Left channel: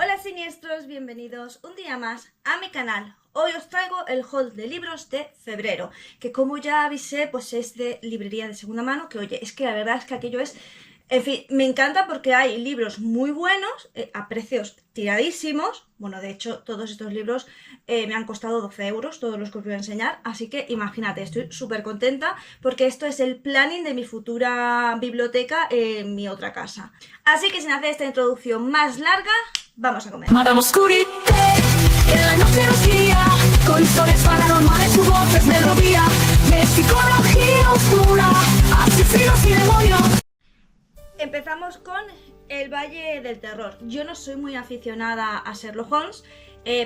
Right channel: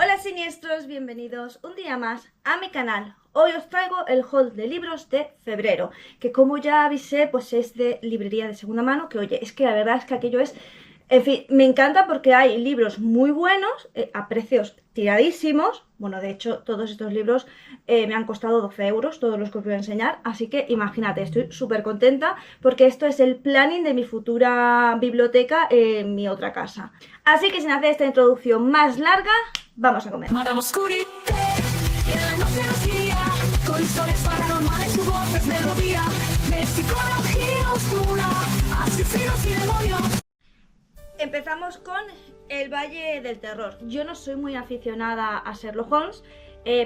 Hola siniestros, bienvenidos un día más a mi canal. Hoy os traigo el haul de libros de febrero, que como ya avisé, pues es de librería de segunda mano, que oye, es que la verdad es que aquello es... En fin, me encanta porque hay libros muy buenos, a precios tiradísimos. Bueno, de hecho, todos estos libros me han costado 12 euros, todos los que os voy a enseñar. Así que imagínate, estoy súper contenta porque esto es el planning de mi futura biblioteca en mi otra casa. Así que sin hacer esta introducción más larga, vamos a comer. Madame Oscurite, en la noche nos guía, con historias paranormales, su voz es melodía, de psicología oscura, asesinos y demonios. Empezamos con El Valle del Terror. Yo no soy muy aficionada a Sherlock Holmes,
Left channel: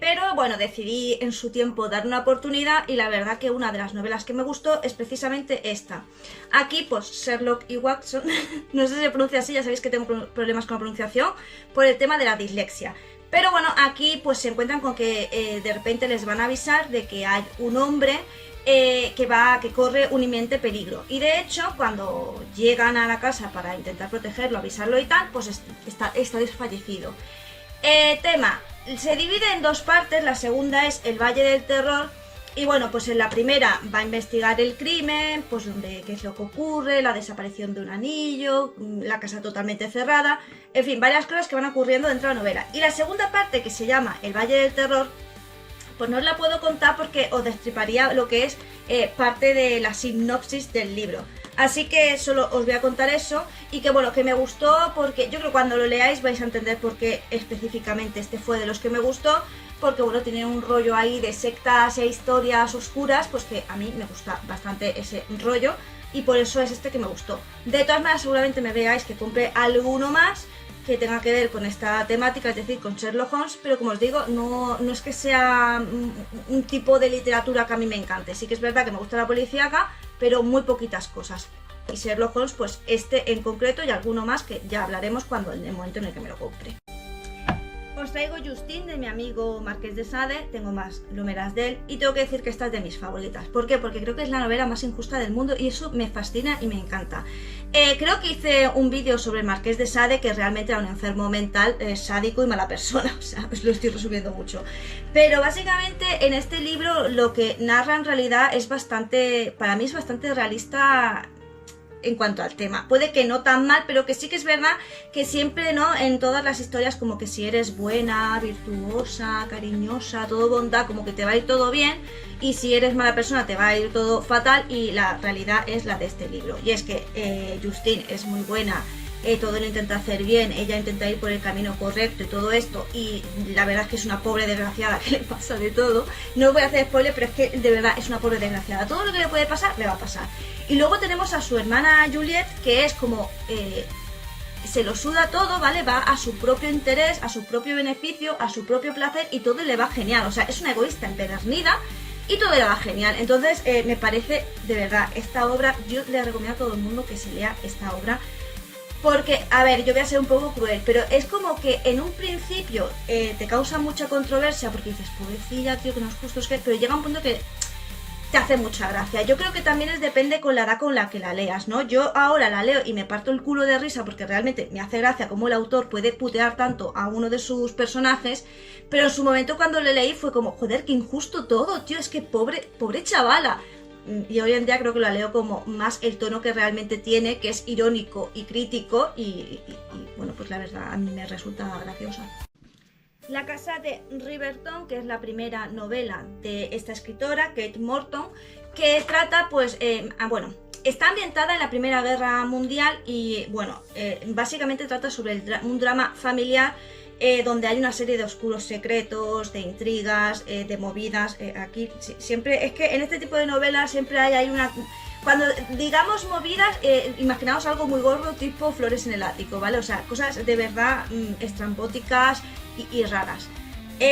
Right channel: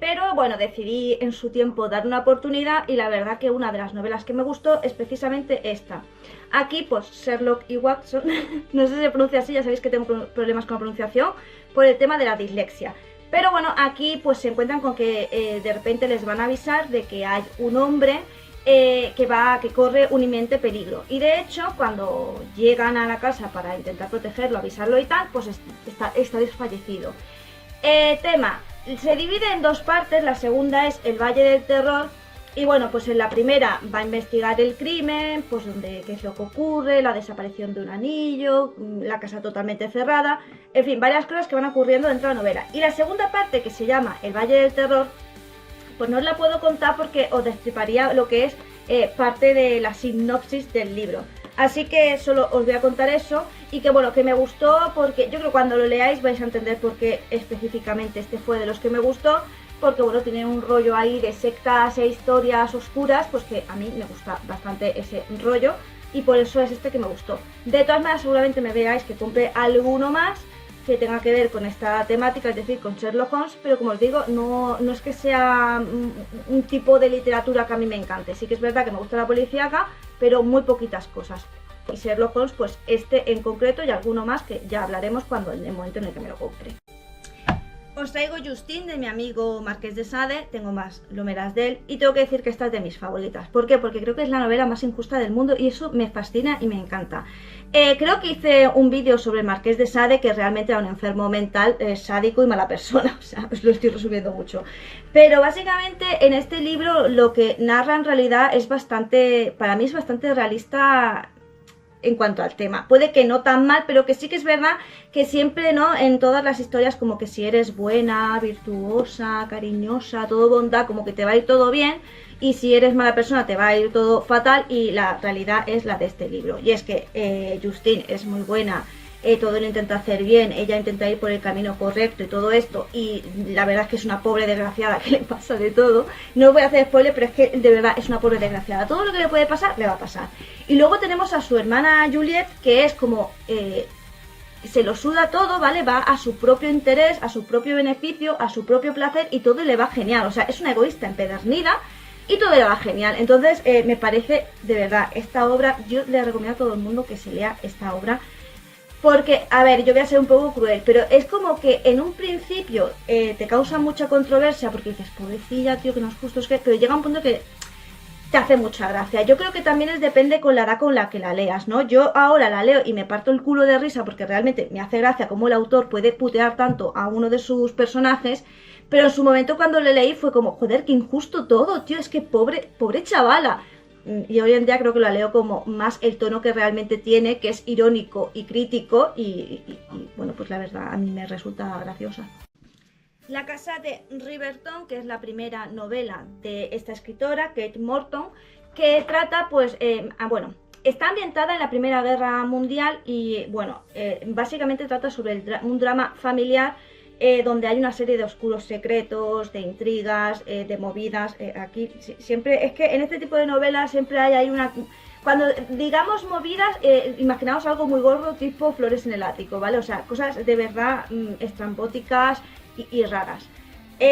pero bueno, decidí en su tiempo dar una oportunidad y la verdad que una de las novelas que me gustó es precisamente esta. Aquí pues Sherlock y Watson, no sé si se pronuncia así, ya sabéis que tengo problemas con la pronunciación por el tema de la dislexia. Pero bueno, aquí pues se encuentran con que de repente les van a avisar de que hay un hombre que corre un inminente peligro. Y de hecho, cuando llegan a la casa para intentar protegerlo, avisarlo y tal, pues está desfallecido. Tema, se divide en dos partes, la segunda es El Valle del Terror. Y bueno, pues en la primera va a investigar el crimen, pues qué es lo que ocurre, la desaparición de un anillo, la casa totalmente cerrada, en fin, varias cosas que van ocurriendo dentro de la novela. Y la segunda parte, que se llama El Valle del Terror, pues no os la puedo contar porque os destriparía lo que es parte de la sinopsis del libro. Así que solo os voy a contar eso y que bueno, que me gustó porque yo creo que cuando lo leáis vais a entender por qué específicamente este fue de los que me gustó. Porque bueno, tiene un rollo ahí de sectas e historias oscuras, pues que a mí me gusta bastante ese rollo y por eso es este que me gustó. De todas maneras seguramente me veáis que compre alguno más que tenga que ver con esta temática, es decir, con Sherlock Holmes, pero como os digo, no es que sea un tipo de literatura que a mí me encante. Sí que es verdad que me gusta la policíaca, pero muy poquitas cosas. Y Sherlock Holmes, pues este en concreto y alguno más que ya hablaremos cuando en el momento en el que me lo compre. Os traigo Justine de mi amigo Marqués de Sade, tengo más lomeras de él y tengo que decir que esta es de mis favoritas. ¿Por qué? Porque creo que es la novela más injusta del mundo y eso me fascina y me encanta. Creo que hice un vídeo sobre el Marqués de Sade que realmente era un enfermo mental, sádico y mala persona, o sea, os lo estoy resumiendo mucho. Pero básicamente en este libro lo que narra en realidad es bastante, para mí es bastante realista en cuanto al tema. Puede que no tan mal, pero que sí que es verdad que siempre, ¿no? En todas las historias como que si eres buena, virtuosa, cariñosa, todo bondad, como que te va a ir todo bien, y si eres mala persona te va a ir todo fatal, y la realidad es la de este libro. Y es que Justine es muy buena, todo lo intenta hacer bien, ella intenta ir por el camino correcto y todo esto, y la verdad es que es una pobre desgraciada que le pasa de todo. No voy a hacer spoiler, pero es que de verdad es una pobre desgraciada. Todo lo que le puede pasar, le va a pasar. Y luego tenemos a su hermana Juliet, que es como... se lo suda todo, ¿vale? Va a su propio interés, a su propio beneficio, a su propio placer y todo le va genial. O sea, es una egoísta empedernida y todo le va genial. Entonces, me parece, de verdad, esta obra, yo le recomiendo a todo el mundo que se lea esta obra. Porque, a ver, yo voy a ser un poco cruel, pero es como que en un principio te causa mucha controversia porque dices, pobrecilla, tío, que no es justo, es que... Pero llega un punto que te hace mucha gracia. Yo creo que también depende con la edad con la que la leas, ¿no? Yo ahora la leo y me parto el culo de risa porque realmente me hace gracia cómo el autor puede putear tanto a uno de sus personajes, pero en su momento cuando le leí fue como, joder, qué injusto todo, tío, es que pobre chavala. Y hoy en día creo que la leo como más el tono que realmente tiene, que es irónico y crítico y bueno, pues la verdad a mí me resulta graciosa. La casa de Riverton, que es la primera novela de esta escritora, Kate Morton, que trata, pues, bueno, está ambientada en la Primera Guerra Mundial y, bueno, básicamente trata sobre un drama familiar donde hay una serie de oscuros secretos, de intrigas, de movidas. Aquí siempre, es que en este tipo de novelas siempre hay una... Cuando digamos movidas, imaginaos algo muy gordo tipo Flores en el ático, ¿vale? O sea, cosas de verdad estrambóticas y raras.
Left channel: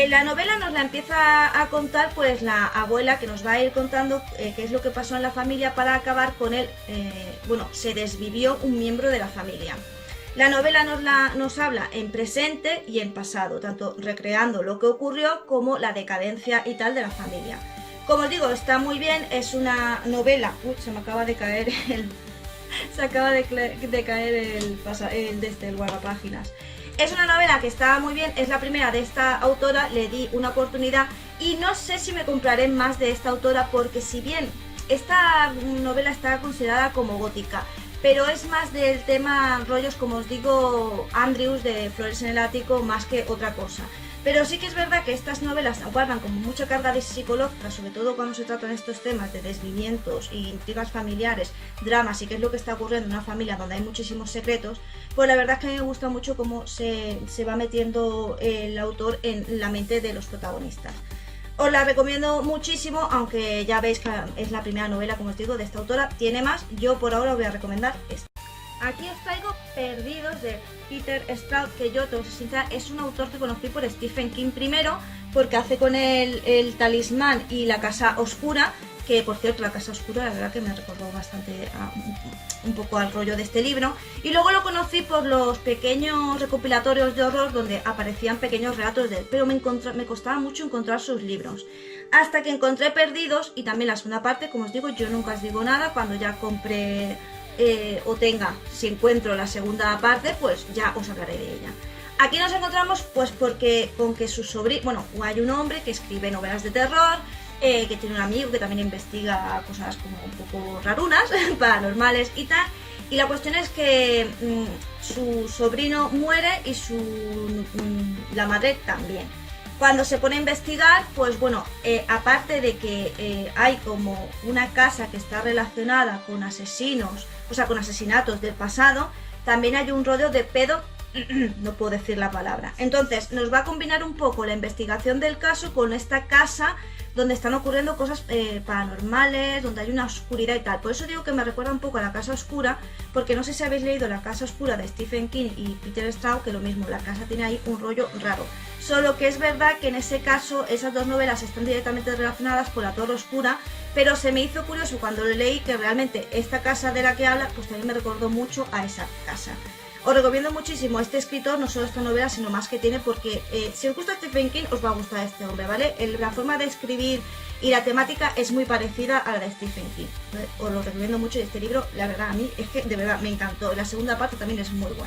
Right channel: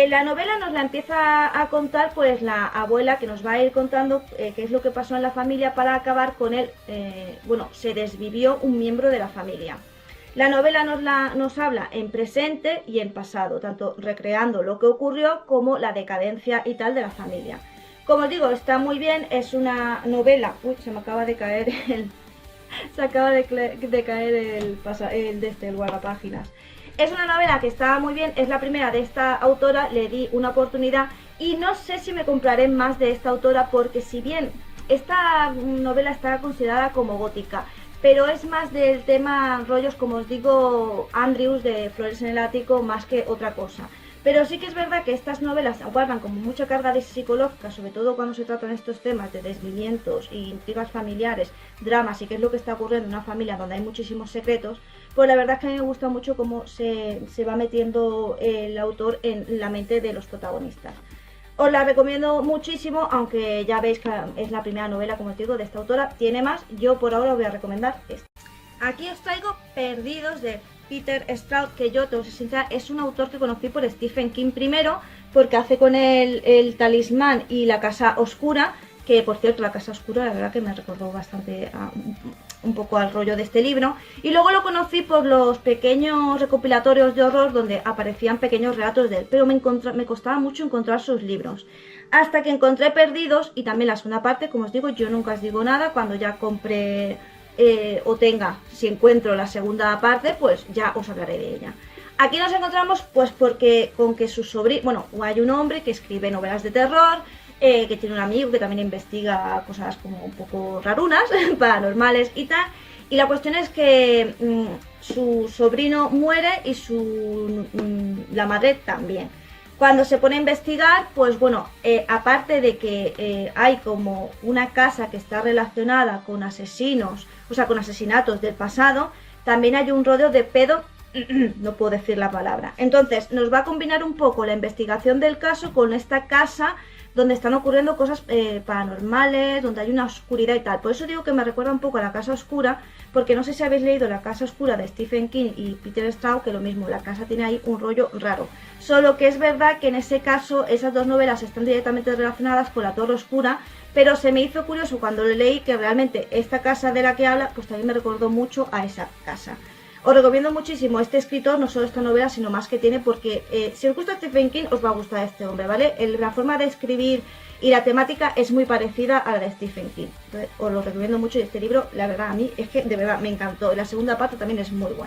La novela nos la empieza a contar pues la abuela, que nos va a ir contando qué es lo que pasó en la familia para acabar con él. Bueno, se desvivió un miembro de la familia. La novela nos habla en presente y en pasado, tanto recreando lo que ocurrió como la decadencia y tal de la familia. Como os digo, está muy bien, es una novela... Uy, se me acaba de caer el... Se acaba de caer el guardapáginas. Es una novela que está muy bien, es la primera de esta autora, le di una oportunidad y no sé si me compraré más de esta autora porque si bien esta novela está considerada como gótica, pero es más del tema rollos, como os digo, Andrews de Flores en el Ático, más que otra cosa. Pero sí que es verdad que estas novelas guardan como mucha carga de psicológica, sobre todo cuando se tratan estos temas de desviamientos e intrigas familiares, dramas y qué es lo que está ocurriendo en una familia donde hay muchísimos secretos. Pues la verdad es que a mí me gusta mucho cómo se va metiendo el autor en la mente de los protagonistas. Os la recomiendo muchísimo, aunque ya veis que es la primera novela, como os digo, de esta autora. Tiene más, yo por ahora os voy a recomendar esta. Aquí os traigo Perdidos de Peter Straub, que yo, te voy a ser sincera, es un autor que conocí por Stephen King primero, porque hace con él El Talismán y La Casa Oscura, que por cierto La Casa Oscura la verdad que me recordó bastante un poco al rollo de este libro. Y luego lo conocí por los pequeños recopilatorios de horror donde aparecían pequeños relatos de él, pero me costaba mucho encontrar sus libros. Hasta que encontré Perdidos y también la segunda parte, como os digo, yo nunca os digo nada, cuando ya compré o tenga, si encuentro la segunda parte, pues ya os hablaré de ella. Aquí nos encontramos pues porque con que su sobrino, bueno, hay un hombre que escribe novelas de terror, que tiene un amigo que también investiga cosas como un poco rarunas, paranormales y tal, y la cuestión es que su sobrino muere y la madre también. Cuando se pone a investigar, pues bueno, aparte de que hay como una casa que está relacionada con asesinos, o sea, con asesinatos del pasado, también hay un rodeo de pedo, no puedo decir la palabra. Entonces, nos va a combinar un poco la investigación del caso con esta casa donde están ocurriendo cosas paranormales, donde hay una oscuridad y tal. Por eso digo que me recuerda un poco a La Casa Oscura, porque no sé si habéis leído La Casa Oscura de Stephen King y Peter Straub, que lo mismo, la casa tiene ahí un rollo raro. Solo que es verdad que en ese caso esas dos novelas están directamente relacionadas por La Torre Oscura, pero se me hizo curioso cuando lo leí que realmente esta casa de la que habla, pues también me recordó mucho a esa casa. Os recomiendo muchísimo este escritor, no solo esta novela, sino más que tiene, porque si os gusta Stephen King, os va a gustar este hombre, ¿vale? La forma de escribir y la temática es muy parecida a la de Stephen King. Entonces, os lo recomiendo mucho y este libro, la verdad, a mí es que de verdad me encantó. La segunda parte también es muy buena.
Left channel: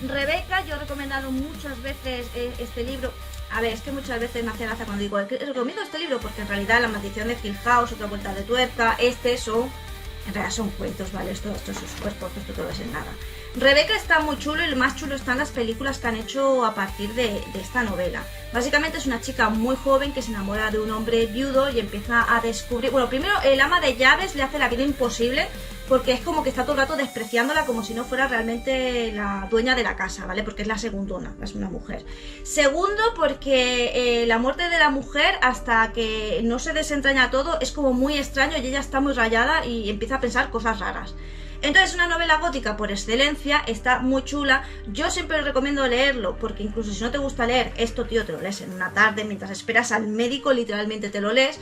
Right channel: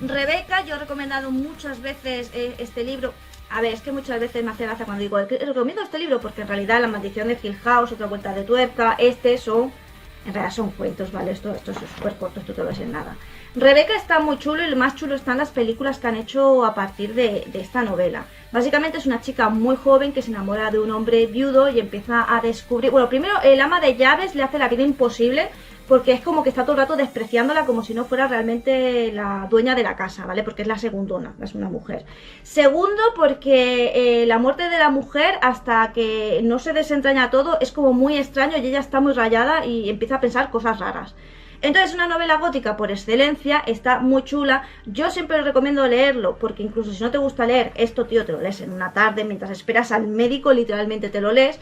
Rebeca, yo he recomendado muchas veces este libro. A ver, es que muchas veces me hace gracia cuando digo, recomiendo este libro, porque en realidad La Maldición de Hill House, Otra Vuelta de Tuerca, en realidad son cuentos, ¿vale? Esto es súper corto, esto te lo ves en nada. Rebeca está muy chulo y lo más chulo están las películas que han hecho a partir de esta novela. Básicamente es una chica muy joven que se enamora de un hombre viudo y empieza a descubrir... Bueno, primero el ama de llaves le hace la vida imposible porque es como que está todo el rato despreciándola como si no fuera realmente la dueña de la casa, ¿vale? Porque es la segundona, es una mujer. Segundo, porque la muerte de la mujer hasta que no se desentraña todo es como muy extraño y ella está muy rayada y empieza a pensar cosas raras. Entonces es una novela gótica por excelencia, está muy chula. Yo siempre recomiendo leerlo porque incluso si no te gusta leer, esto tío te lo lees en una tarde mientras esperas al médico, literalmente te lo lees.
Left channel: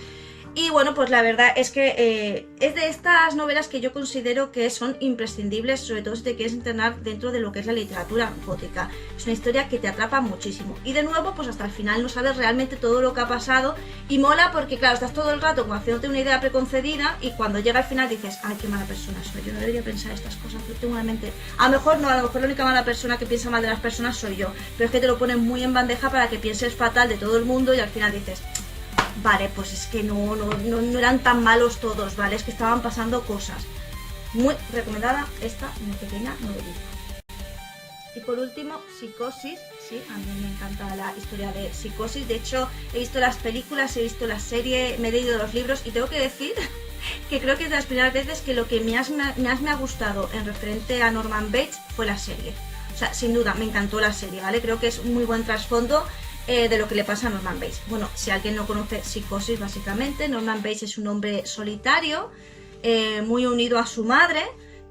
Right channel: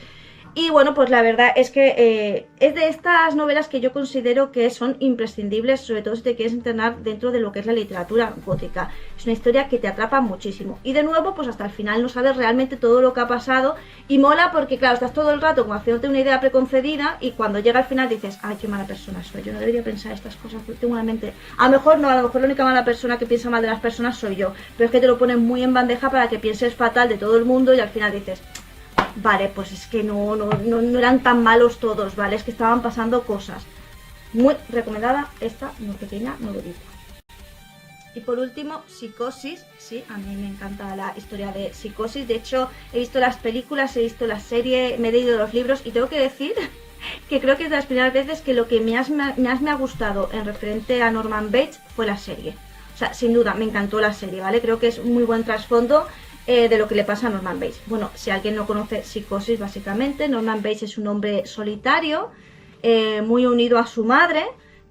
Y bueno, pues la verdad es que es de estas novelas que yo considero que son imprescindibles, sobre todo si te quieres entrenar dentro de lo que es la literatura gótica. Es una historia que te atrapa muchísimo. Y de nuevo, pues hasta el final no sabes realmente todo lo que ha pasado. Y mola porque, claro, estás todo el rato como haciéndote una idea preconcebida y cuando llega al final dices, ay, qué mala persona soy, yo no debería pensar estas cosas, tengo una mente... A lo mejor no, a lo mejor la única mala persona que piensa mal de las personas soy yo. Pero es que te lo ponen muy en bandeja para que pienses fatal de todo el mundo y al final dices... Vale, pues es que no eran tan malos todos, ¿vale? Es que estaban pasando cosas. Muy recomendada esta pequeña novelita. Y por último, Psicosis. Sí, a mí me encanta la historia de Psicosis. De hecho, he visto las películas, he visto la serie, me he leído los libros y tengo que decir que creo que es de las primeras veces que lo que más me ha gustado en referente a Norman Bates fue la serie. O sea, sin duda, me encantó la serie, ¿vale? Creo que es un muy buen trasfondo de lo que le pasa a Norman Bates. Bueno, si alguien no conoce Psicosis, básicamente, Norman Bates es un hombre solitario, muy unido a su madre,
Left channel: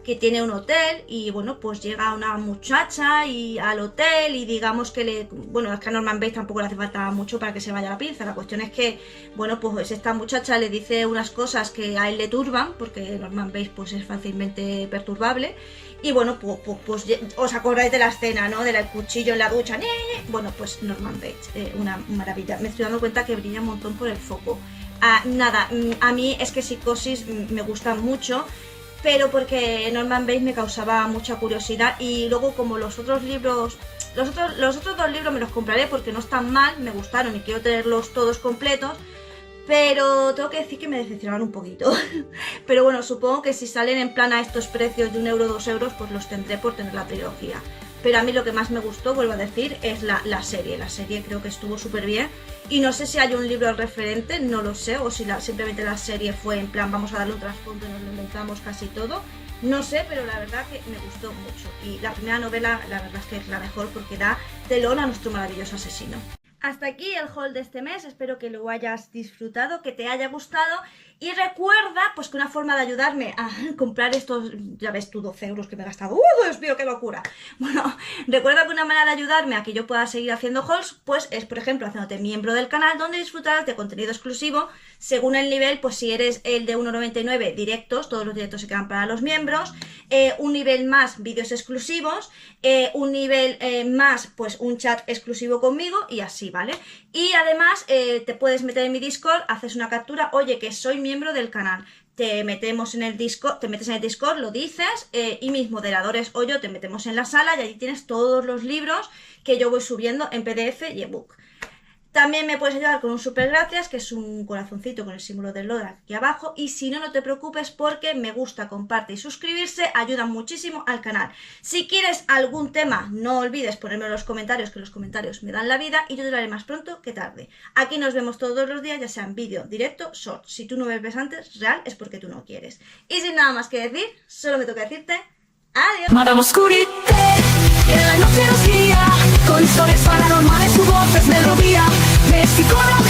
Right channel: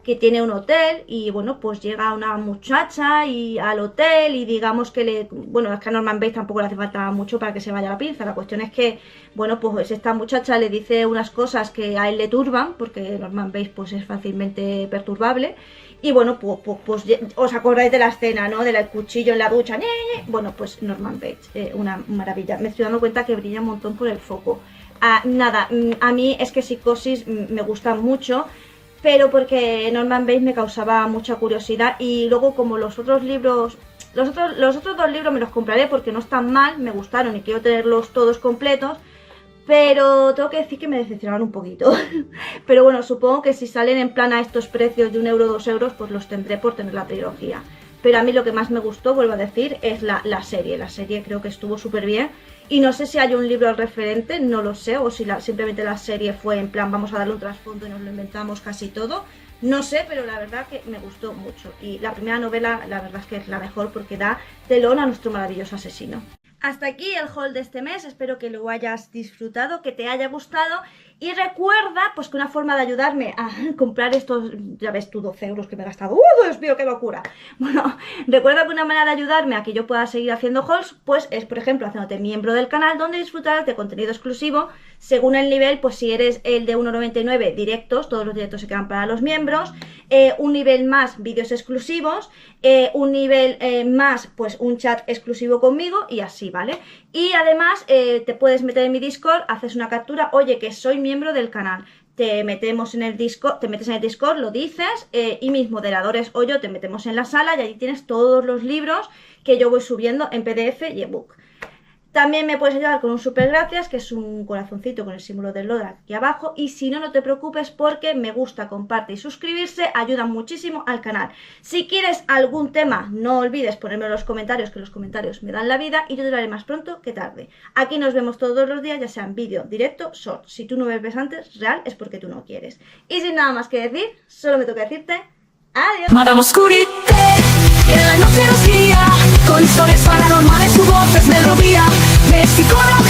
que tiene un hotel y bueno, pues llega una muchacha y al hotel y digamos que le... Bueno, es que a Norman Bates tampoco le hace falta mucho para que se vaya a la pinza. La cuestión es que, bueno, pues esta muchacha le dice unas cosas que a él le turban, porque Norman Bates pues es fácilmente perturbable. Y bueno, pues os acordáis de la escena, ¿no? Del cuchillo en la ducha. Bueno, pues Norman Bates, una maravilla. Me estoy dando cuenta que brilla un montón por el foco. Nada, a mí es que Psicosis me gusta mucho, pero porque Norman Bates me causaba mucha curiosidad y luego como los otros libros Los otros dos libros me los compraré porque no están mal, me gustaron y quiero tenerlos todos completos. Pero tengo que decir que me decepcionaron un poquito. Pero bueno, supongo que si salen en plan a estos precios de 1 euro, 2 euros, pues los tendré por tener la trilogía. Pero a mí lo que más me gustó, vuelvo a decir, es la serie. La serie creo que estuvo súper bien. Y no sé si hay un libro referente, no lo sé. O si simplemente la serie fue en plan, vamos a darle un trasfondo y nos lo inventamos casi todo. No sé, pero la verdad que me gustó mucho. Y la primera novela, la verdad es que es la mejor porque da telón a nuestro maravilloso asesino. Hasta aquí el haul de este mes, espero que lo hayas disfrutado, que te haya gustado y recuerda pues que una forma de ayudarme a comprar estos, ya ves tú, 12 euros que me he gastado, Dios mío, qué locura. Bueno, recuerda que una manera de ayudarme a que yo pueda seguir haciendo hauls pues es, por ejemplo, haciéndote miembro del canal donde disfrutarás de contenido exclusivo según el nivel, pues si eres el de 1,99 directos, todos los directos se quedan para los miembros, un nivel más vídeos exclusivos, un nivel más pues un chat exclusivo conmigo y así, ¿vale? Y además te puedes meter en mi Discord, haces una captura, oye que soy miembro del canal, te metemos en el Discord, te metes en el Discord, lo dices y mis moderadores o yo te metemos en la sala y allí tienes todos los libros que yo voy subiendo en PDF y ebook. También me puedes ayudar con un super gracias, que es un corazoncito con el símbolo del Lodra aquí abajo. Y si no, no te preocupes porque me gusta, comparte y suscribirse, ayuda muchísimo al canal. Si quieres algún tema, no olvides ponerme en los comentarios, que los comentarios me dan la vida y yo te lo haré más pronto que tarde. Aquí nos vemos todos los días, ya sea en vídeo, directo, short. Si tú no me ves antes, real, es porque tú no quieres. Y sin nada más que decir, solo me toca decirte adiós. Madame Oscurité, y en la noche nos guía, con historias paranormales, su voz es melodía de psicología.